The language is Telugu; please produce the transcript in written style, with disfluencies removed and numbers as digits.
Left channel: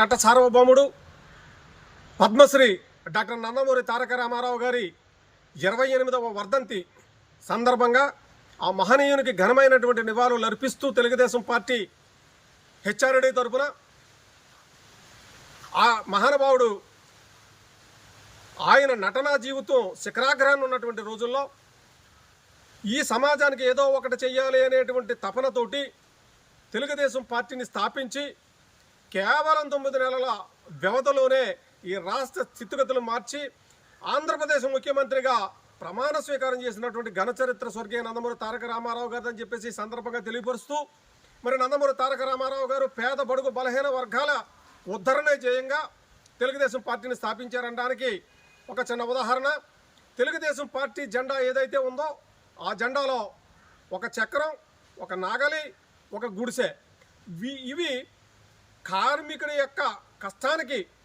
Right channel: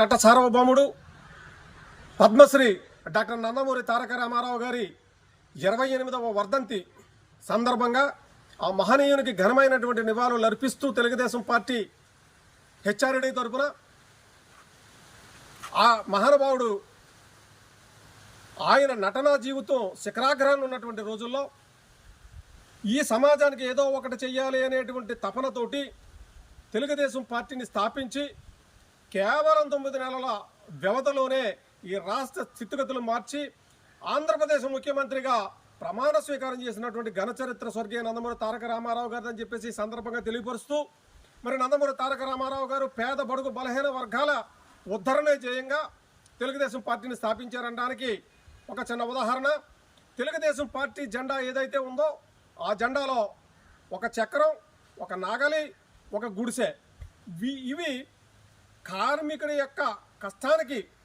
నట సార్వభౌముడు పద్మశ్రీ డాక్టర్ నందమూరి తారక రామారావు గారి 28వ వర్ధంతి సందర్భంగా ఆ మహనీయునికి ఘనమైనటువంటి నివాళులు అర్పిస్తూ తెలుగుదేశం పార్టీ హెచ్ఆర్డీ తరపున ఆ మహానుభావుడు ఆయన నటనా జీవితం శిఖరాగ్రహాన్ని ఉన్నటువంటి రోజుల్లో ఈ సమాజానికి ఏదో ఒకటి చెయ్యాలి అనేటువంటి తపనతోటి తెలుగుదేశం పార్టీని స్థాపించి కేవలం 9 నెలల వ్యవధిలోనే ఈ రాష్ట్ర స్థితిగతులు మార్చి ఆంధ్రప్రదేశ్ ముఖ్యమంత్రిగా ప్రమాణ స్వీకారం చేసినటువంటి ఘనచరిత్ర స్వర్గీయ నందమూరి తారక రామారావు గారు అని చెప్పేసి ఈ సందర్భంగా తెలియపరుస్తూ మరి నందమూరి తారక రామారావు గారు పేద బడుగు బలహీన వర్గాల ఉద్ధరణే ధ్యేయంగా తెలుగుదేశం పార్టీని స్థాపించారనడానికి ఒక చిన్న ఉదాహరణ. తెలుగుదేశం పార్టీ జెండా ఏదైతే ఉందో ఆ జెండాలో ఒక చక్రం, ఒక నాగలి, ఒక గుడిసె, ఇవి కార్మికుడి యొక్క కష్టానికి